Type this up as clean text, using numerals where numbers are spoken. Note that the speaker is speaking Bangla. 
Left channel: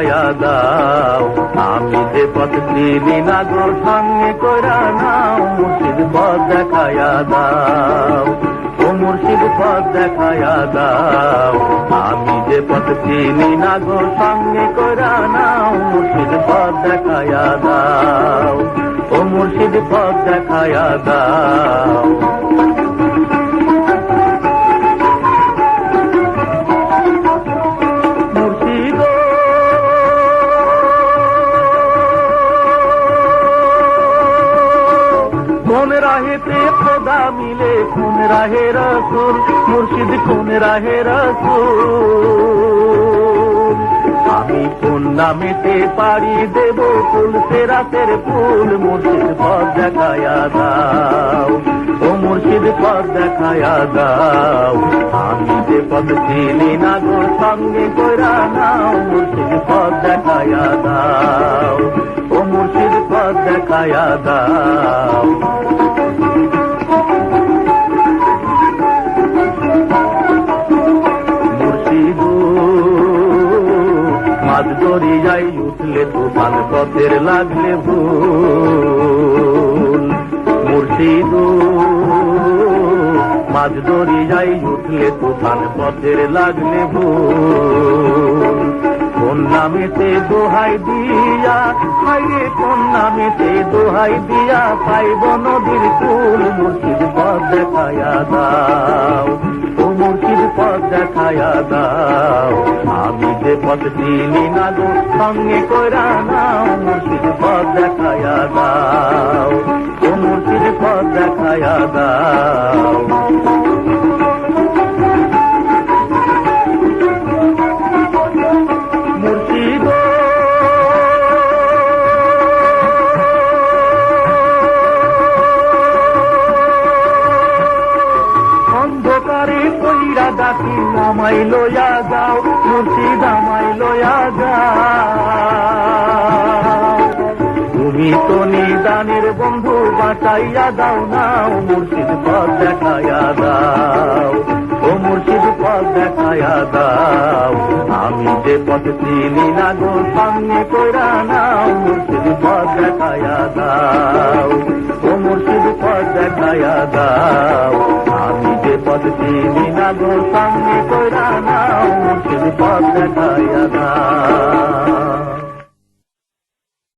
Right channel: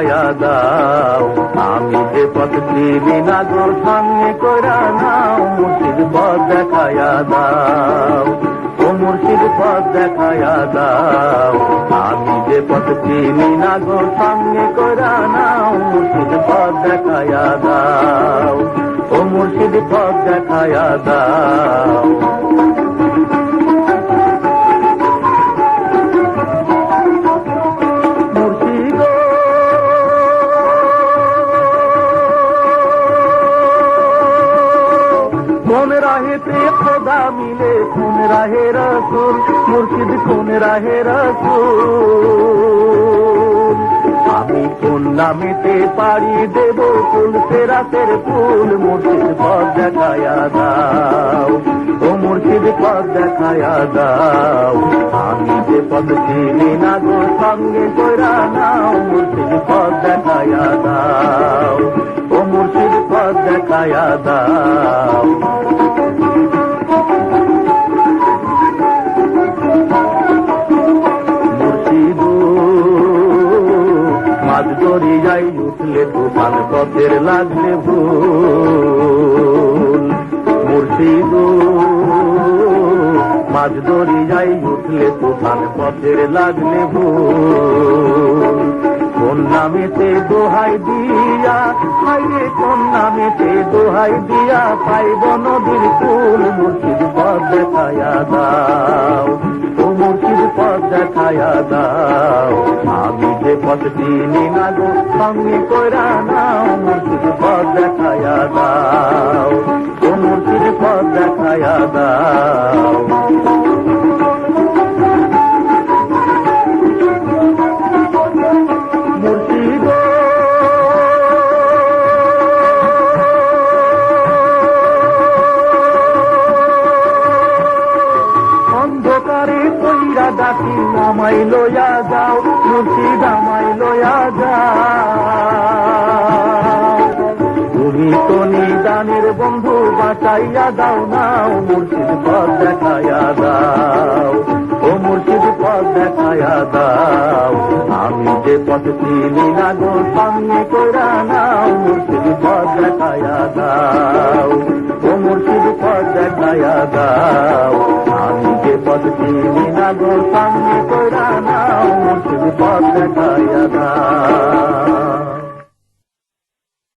দেখায়া দাও, আমি যে পথ চিনি না গো সামনে কইরা নাও, মুর্শিদ পথ দেখায়া দাও, ও মুর্শিদ পথ দেখায়া দাও, আমি যে পথ চিনি না গো সামনে কইরা নাও, মুর্শিদ পথ দেখায়া দাও, ও মুর্শিদ পথ দেখায়া দাও। কোন রাহে খোদা মিলে, কোন রাহে রসুল, মুর্শিদ কোন রাহে রসুল, আমি কোন নামেতে পারি দেব ফুল সেরাতের ফুল, মুর্শিদ পথ দেখায়া দাও, ও মুর্শিদ পথ দেখায়া দাও, আমি যে পথ চিনি না গো সঙ্গে কইরা নাও, মুর্শিদ পথ দেখায়া দাও, ও মুর্শিদ পথ দেখায়া দাও। মাঝ দরিয়ায় উঠলে তুফান পথের লাগলে ভুল, মুর্শিদ মাঝ দরিয়ায় উঠলে তুফান পথের লাগলে ভুল, কোন নামেতে দোহাই দিয়া খাইরে, কোন নামেতে দোহাই দিয়া খাইব নদীর কুল, মুর্শিদ পথ দেখায়া দাও, ও মুর্শিদ পথ দেখায়া দাও, আমি যে পথ চিনি না গো সঙ্গে কইরা নাও, মুর্শিদ পথ দেখায়া দাও, ও মুর্শিদ পথ দেখায়া দাও। মুর্শিদ অন্ধকারে কইরা ডাকি আমাই লইয়া যাও, মুর্শিদ আমাই লইয়া যাও, তুমি তো নিদানের বন্ধু বাঁচাইয়া দাও নাও, মুর্শিদ পথ দেখায়া দাও, ও মুর্শিদ পথ দেখায়া দাও, আমি যে পথ চিনি না গো সামনে কইরা নাও,